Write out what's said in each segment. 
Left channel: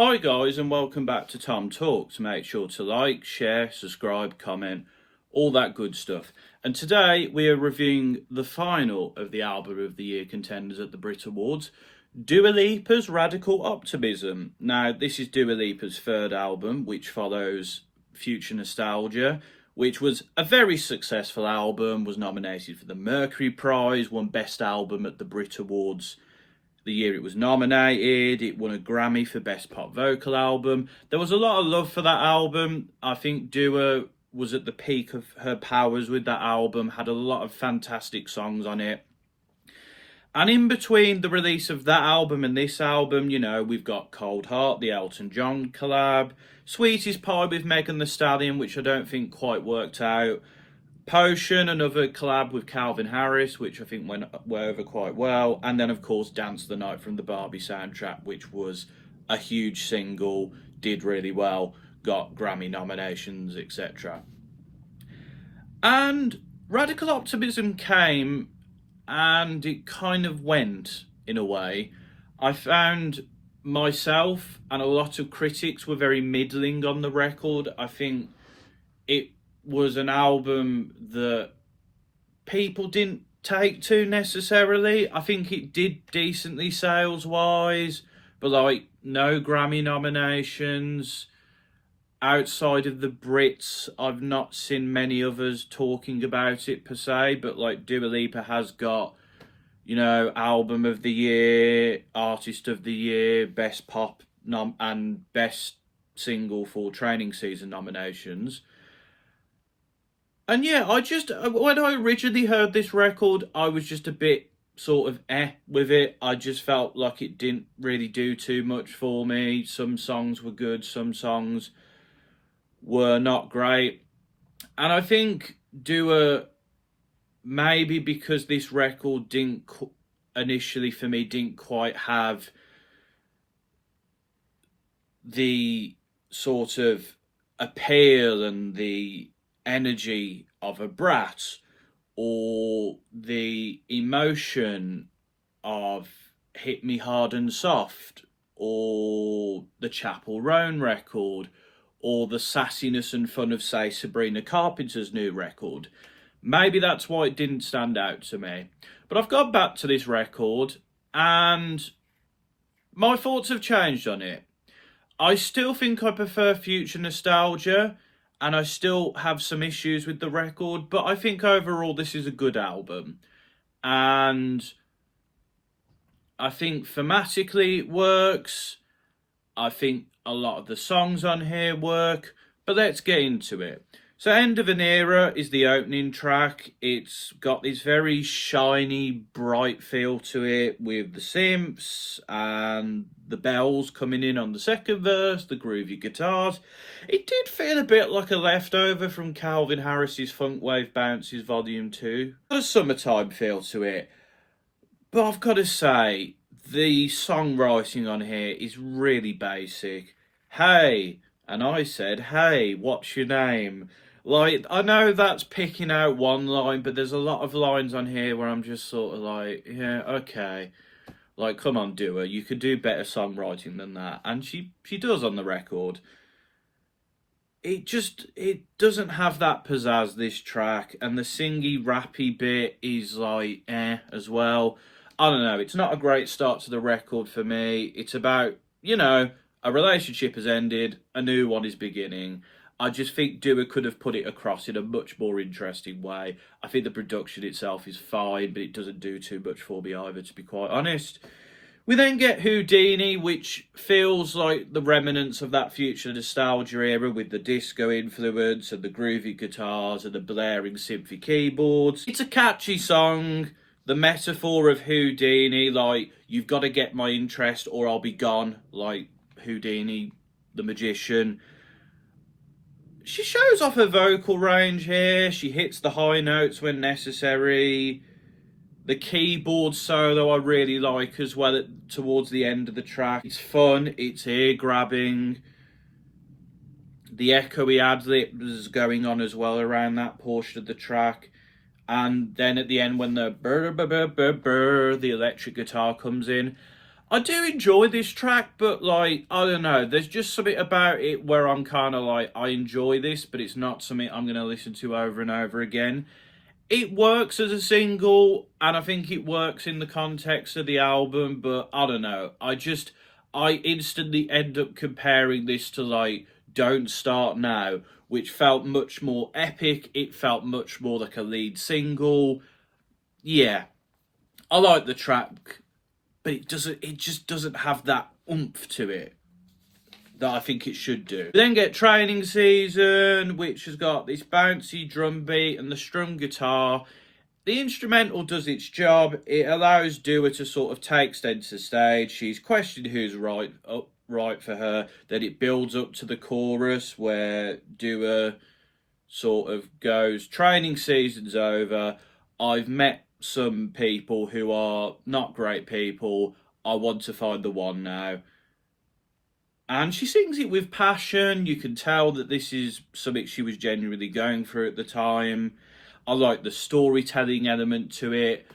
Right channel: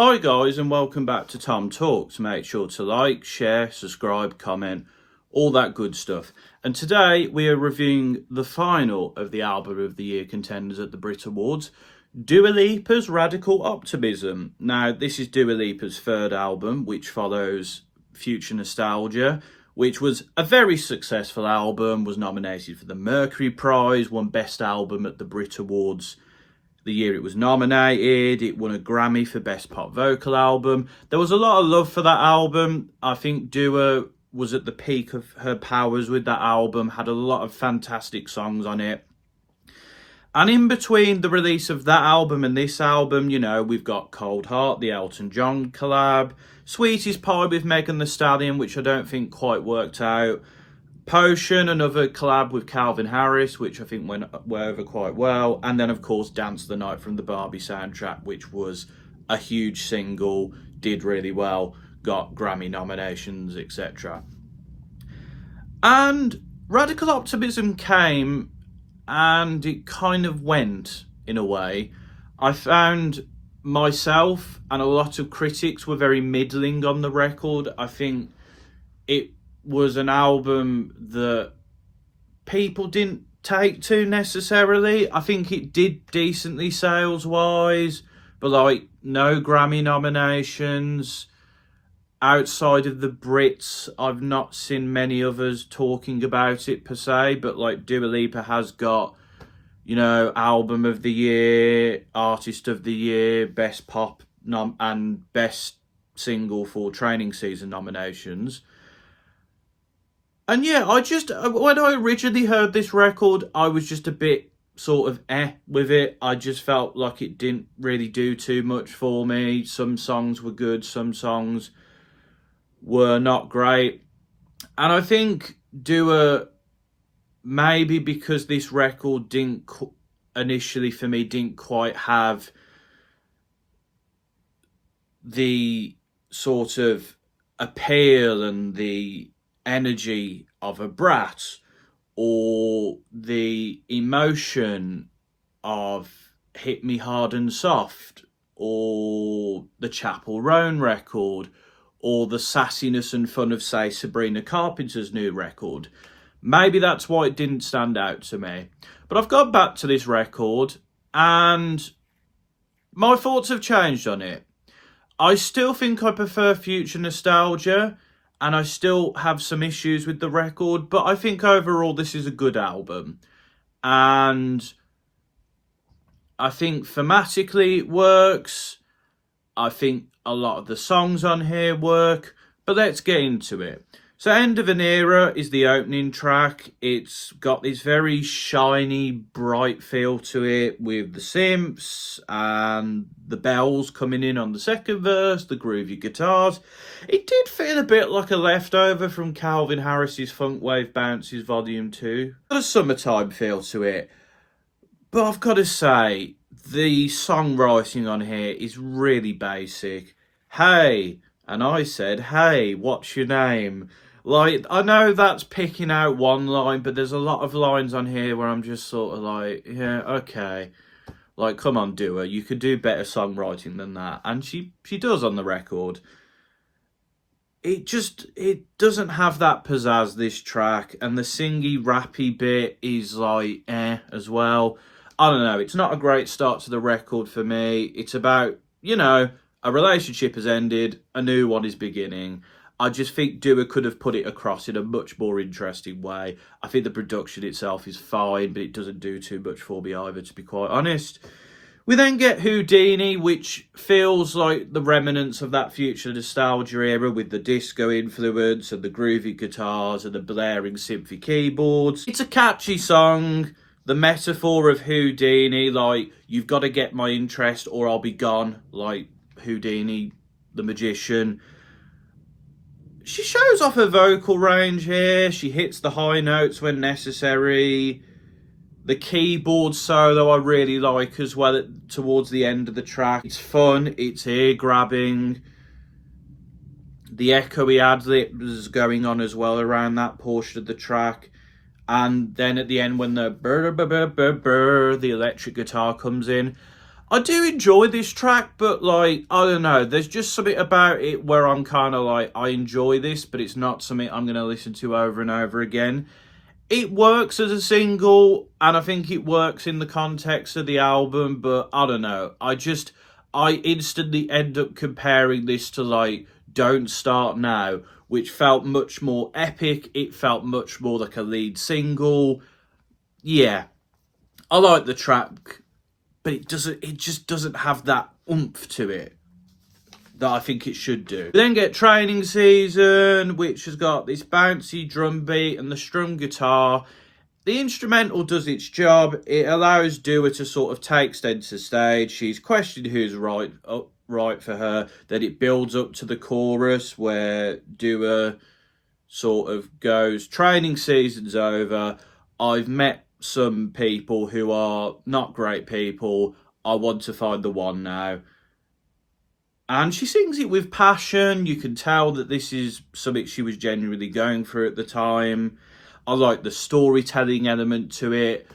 Hi guys and welcome back to TomTalks. Make sure to like, share, subscribe, comment, all that good stuff. And today we are reviewing the final of the Album of the Year contenders at the BRITS Awards, Dua Lipa's Radical Optimism. Now this is Dua Lipa's third album, which follows Future Nostalgia, which was a very successful album, was nominated for the Mercury Prize, won Best Album at the BRITS Awards the year it was nominated. It won a Grammy for Best Pop Vocal Album. There was a lot of love for that album. I think Dua was at the peak of her powers with that album, had a lot of fantastic songs on it. And in between the release of that album and this album, you know, we've got Cold Heart, the Elton John collab, Sweetest Pie with Megan Thee Stallion, which I don't think quite worked out, Potion, another collab with Calvin Harris, which I think went over quite well. And then, of course, Dance the Night from the Barbie soundtrack, which was a huge single, did really well, got Grammy nominations, etc. And Radical Optimism came and it kind of went, in a way. I found myself and a lot of critics were very middling on the record. I think it was an album that people didn't take to necessarily. I think it did decently sales-wise, but like no Grammy nominations. Outside of the Brits, I've not seen many others talking about it per se, but like Dua Lipa has got, you know, Album of the Year, Artist of the Year, Best Pop and Best Single for Training Season nominations. And yeah, when I originally heard this record, I was just a bit sort of with it. I just felt like it didn't really do too much for me. Some songs were good, some songs were not great. And I think Dua, maybe because this record didn't initially for me didn't quite have the sort of appeal and the energy of a Brat or the emotion of Hit Me Hard and Soft or the Chapel Roan record or the sassiness and fun of, say, Sabrina Carpenter's new record. Maybe that's why it didn't stand out to me. But I've got back to this record and my thoughts have changed on it. I still think I prefer Future Nostalgia, and I still have some issues with the record, but I think overall this is a good album. And I think thematically it works. I think a lot of the songs on here work, but let's get into it. So End of an Era is the opening track. It's got this very shiny, bright feel to it with the synths and the bells coming in on the second verse, the groovy guitars. It did feel a bit like a leftover from Calvin Harris's Funk Wave Bounces Volume 2. Got a summertime feel to it. But I've got to say, the songwriting on here is really basic. Hey, and I said, hey, what's your name? Like, I know that's picking out one line, but there's a lot of lines on here where I'm just sort of like, yeah, okay. Like, come on, Dua, you could do better songwriting than that. And she does on the record. It doesn't have that pizzazz, this track. And the singy, rappy bit is like, as well. I don't know, it's not a great start to the record for me. It's about, you know, a relationship has ended, a new one is beginning. I just think Dua could have put it across in a much more interesting way. I think the production itself is fine, but it doesn't do too much for me either, to be quite honest. We then get Houdini, which feels like the remnants of that Future Nostalgia era with the disco influence and the groovy guitars and the blaring synthy keyboards. It's a catchy song. The metaphor of Houdini, like, you've got to get my interest or I'll be gone, like Houdini, the magician. She shows off her vocal range here. She hits the high notes when necessary. The keyboard solo I really like as well towards the end of the track. It's fun, it's ear-grabbing. The echoey ad-libs going on as well around that portion of the track. And then at the end when the the electric guitar comes in, I do enjoy this track, but like, I don't know, there's just something about it where I'm kind of like, I enjoy this, but it's not something I'm going to listen to over and over again. It works as a single, and I think it works in the context of the album, but I don't know. I instantly end up comparing this to like Don't Start Now, which felt much more epic. It felt much more like a lead single. Yeah, I like the track, but it just doesn't have that oomph to it that I think it should do. We then get Training Season, which has got this bouncy drum beat and the strum guitar. The instrumental does its job. It allows Dua to sort of take center stage. She's questioned who's right for her. Then it builds up to the chorus where Dua sort of goes, training season's over. I've met some people who are not great people. I want to find the one now. And she sings it with passion. You can tell that this is something she was genuinely going through at the time. I like the storytelling element to it.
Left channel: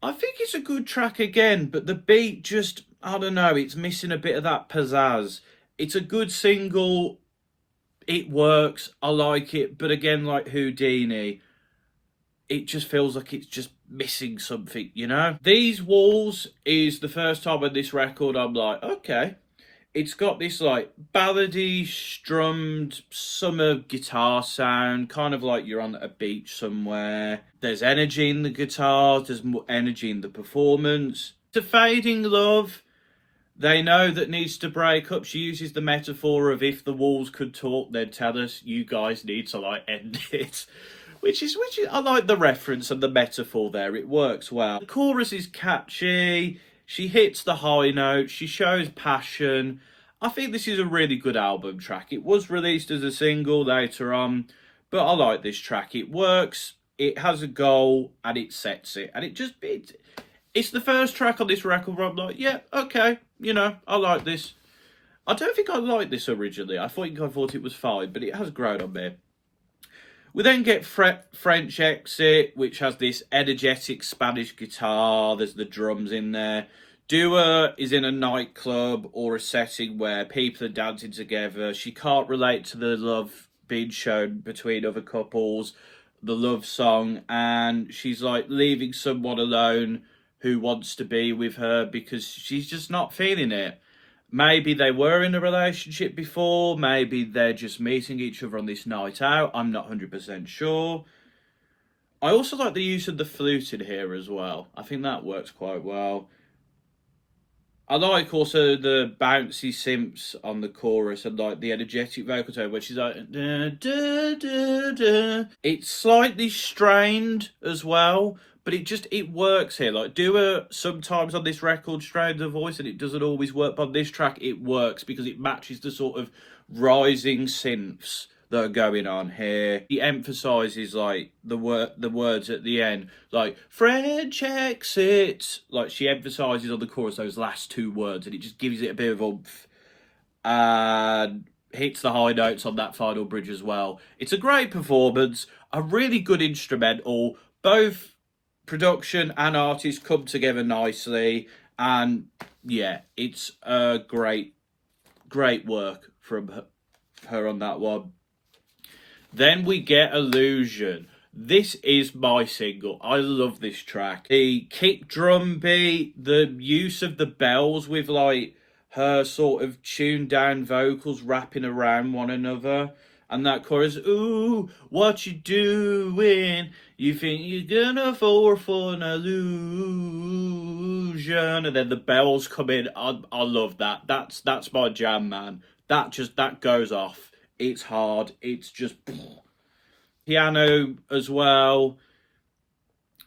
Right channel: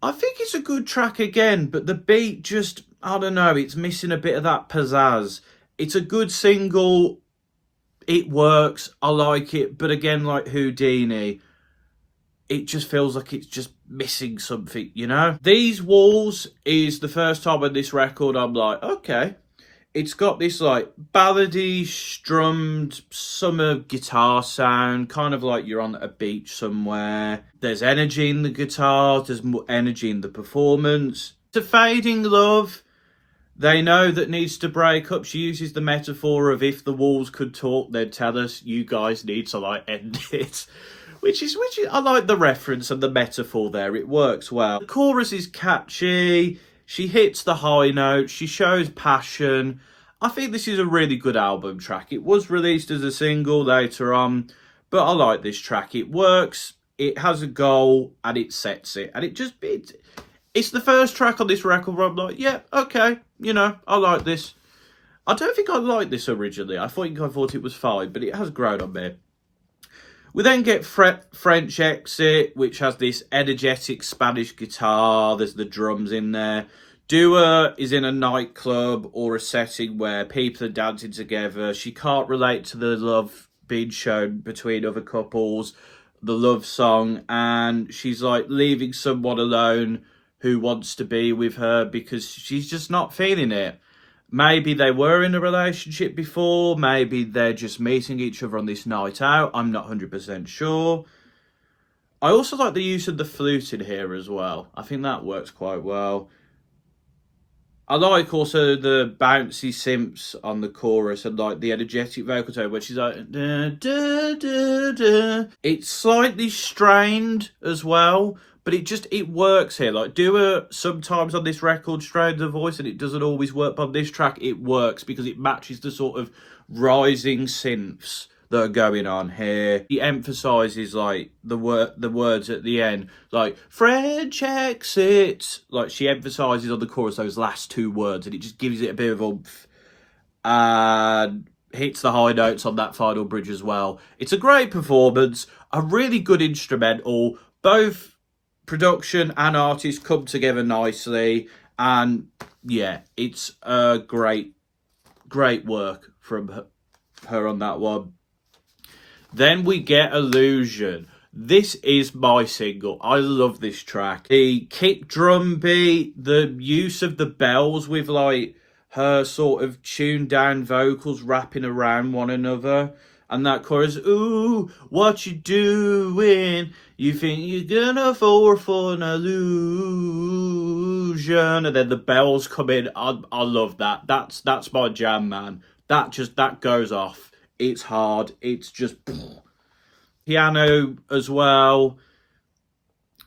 I think it's a good track again, but the beat just, I don't know, it's missing a bit of that pizzazz. It's a good single. It works. I like it. But again, like Houdini, it just feels like it's just missing something, you know? These Walls is the first time on this record I'm like, okay. It's got this like ballady, strummed summer guitar sound, kind of like you're on a beach somewhere. There's energy in the guitar, there's more energy in the performance. It's a fading love. They know that needs to break up. She uses the metaphor of if the walls could talk, they'd tell us you guys need to like end it. Which is I like the reference and the metaphor there. It works well. The chorus is catchy. She hits the high note. She shows passion. I think this is a really good album track. It was released as a single later on, but I like this track. It works. It has a goal and it sets it. And it's the first track on this record where I'm like, yeah, okay, I like this. I don't think I liked this originally. I thought it was fine, but it has grown on me. We then get French Exit, which has this energetic Spanish guitar. There's the drums in there. Dua is in a nightclub or a setting where people are dancing together. She can't relate to the love being shown between other couples, the love song, and she's like leaving someone alone who wants to be with her because she's just not feeling it. Maybe they were in a relationship before. Maybe they're just meeting each other on this night out. I'm not 100% sure. I also like the use of the flute in here as well. I think that works quite well. I like also the bouncy synths on the chorus and like the energetic vocal tone where she's like, da, da, da, da. It's slightly strained as well, but it works here. Like Dua sometimes on this record strains her voice and it doesn't always work, but on this track it works because it matches the sort of rising synths that are going on here. He emphasises like the words at the end, like French exit. Like she emphasises on the chorus those last two words, and it just gives it a bit of oomph and hits the high notes on that final bridge as well. It's a great performance, a really good instrumental. Both production and artists come together nicely, and yeah, it's a great work from her on that one. Then we get Illusion. This is my single. I love this track. The kick drum beat, the use of the bells with like her sort of tuned down vocals wrapping around one another. And that chorus, ooh, what you doing? You think you're gonna fall for an illusion. And then the bells come in. I love that. That's my jam, man. That goes off. It's hard. It's just piano as well.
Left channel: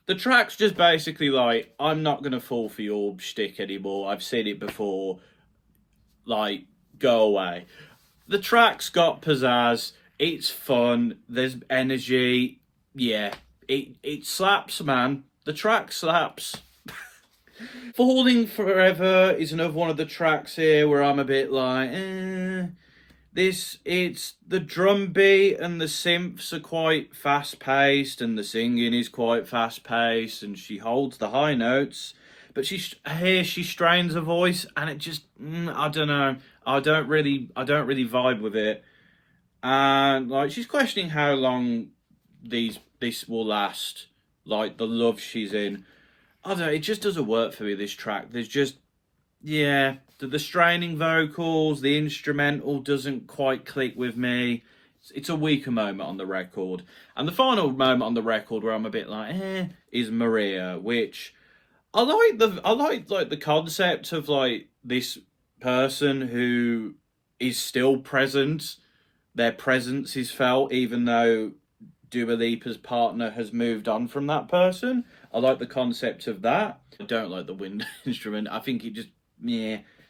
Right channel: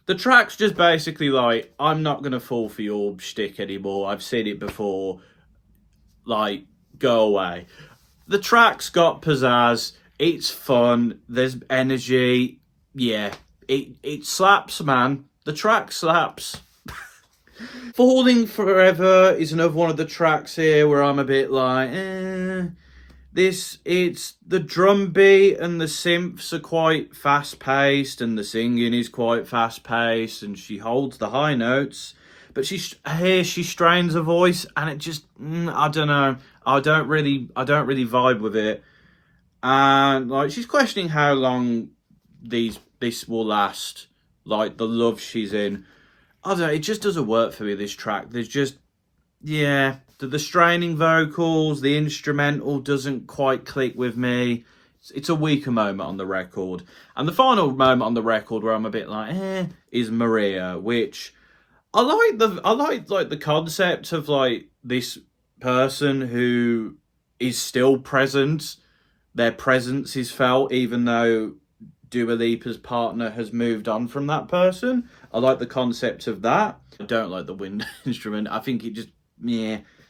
The track's just basically like, I'm not gonna fall for your shtick anymore. I've seen it before. Like, go away. The track's got pizzazz. It's fun. There's energy. Yeah, it slaps, man. The track slaps. Falling Forever is another one of the tracks here where I'm a bit like, it's the drum beat and the synths are quite fast paced and the singing is quite fast paced and she holds the high notes, but she strains her voice, and it just, I don't know. I don't really vibe with it. And like, she's questioning how long this will last. Like, the love she's in. I don't know. It just doesn't work for me, this track. There's just, yeah, the straining vocals, the instrumental doesn't quite click with me. It's a weaker moment on the record. And the final moment on the record where I'm a bit like, is Maria, which I like the concept of like this person who is still present. Their presence is felt even though Dua Lipa's partner has moved on from that person. I like the concept of that. I don't like the wind instrument. I think it just,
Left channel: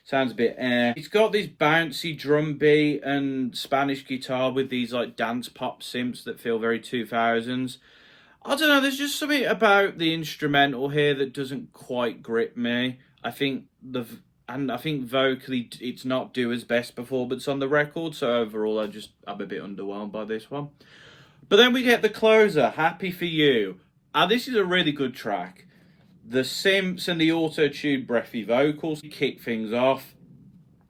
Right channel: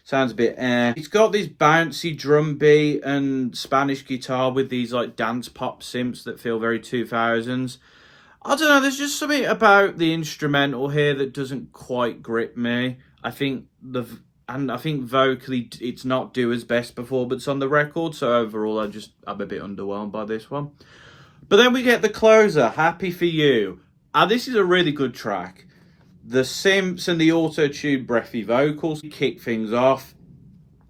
sounds a bit It's got this bouncy drum beat and Spanish guitar with these like dance pop synths that feel very 2000s. I don't know, there's just something about the instrumental here that doesn't quite grip me. I think vocally it's not Dua's best performance on the record, so overall I'm a bit underwhelmed by this one. But then we get the closer, Happy For You. This is a really good track. The synths and the auto-tuned breathy vocals kick things off.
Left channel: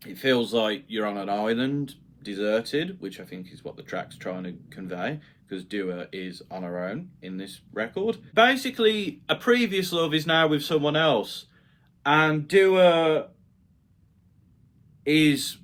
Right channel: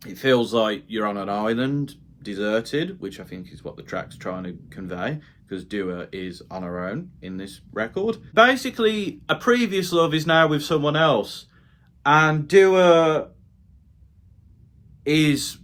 It feels like you're on an island, deserted, which I think is what the track's trying to convey, because Dua is on her own in this record. Basically, a previous love is now with someone else, and Dua is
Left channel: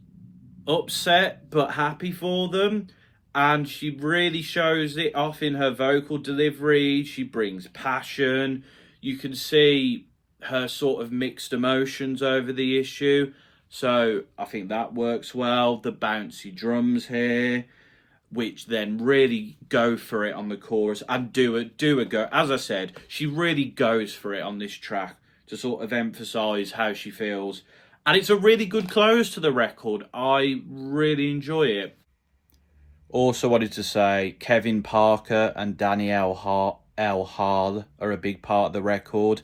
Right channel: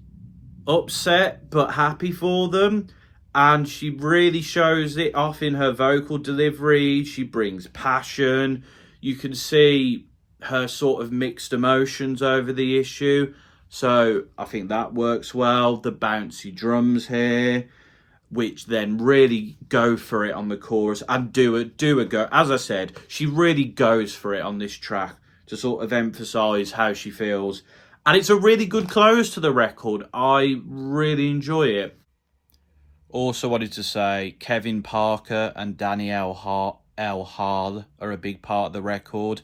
upset but happy for them, and she really shows it off in her vocal delivery. She brings passion. You can see her sort of mixed emotions over the issue. So I think that works well. The bouncy drums here, which then really go for it on the chorus. And Dua go, as I said, she really goes for it on this track to sort of emphasise how she feels. And it's a really good close to the record. I really enjoy it. Also wanted to say Kevin Parker and Danielle Hall are a big part of the record,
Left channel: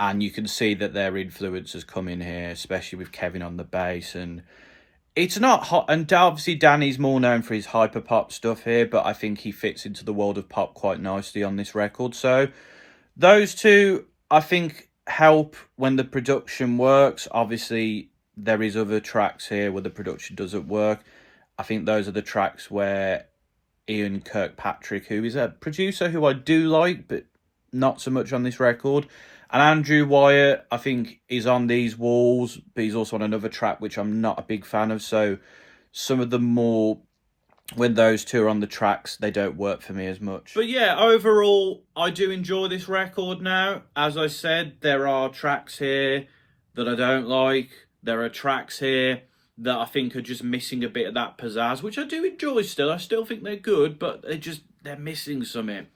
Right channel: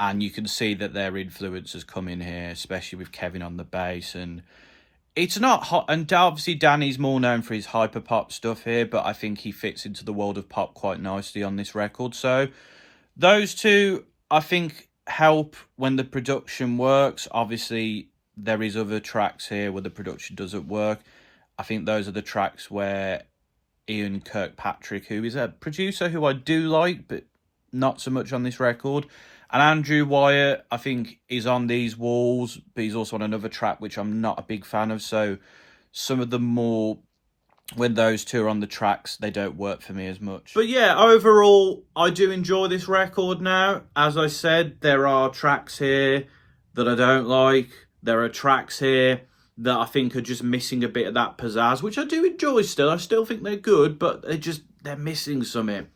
and you can see that their influence has come in here, especially with Kevin on the bass. And it's not hot, and obviously Danny's more known for his hyperpop stuff here, but I think he fits into the world of pop quite nicely on this record. So those two, I think, help when the production works. Obviously there is other tracks here where the production doesn't work. I think those are the tracks where Ian Kirkpatrick, who is a producer who I do like, but not so much on this record, and Andrew Wyatt, I think, is on these walls, but he's also on another track which I'm not a big fan of. So some of them more, when those two are on the tracks, they don't work for me as much. But yeah, overall, I do enjoy this record now. As I said, there are tracks here that I don't like. There are tracks here that I think are just missing a bit of that pizzazz, which I do enjoy still. I still think they're good, but they're missing something.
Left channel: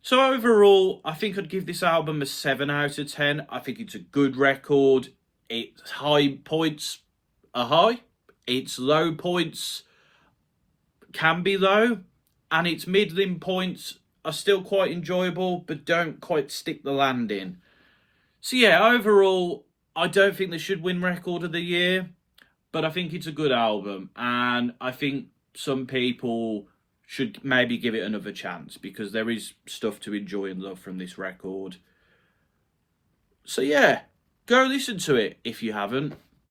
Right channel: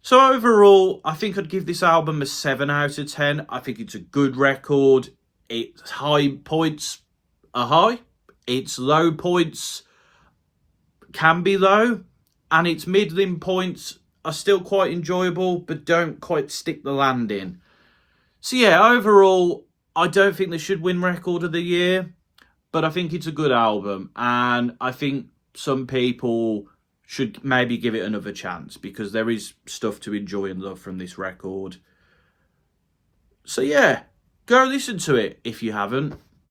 So overall, I think I'd give this album a 7 out of 10. I think it's a good record. Its high points are high. Its low points can be low. And its middling points are still quite enjoyable, but don't quite stick the landing. So yeah, overall, I don't think they should win Record of the Year, but I think it's a good album, and I think some people should maybe give it another chance, because there is stuff to enjoy and love from this record. So yeah, go listen to it if you haven't.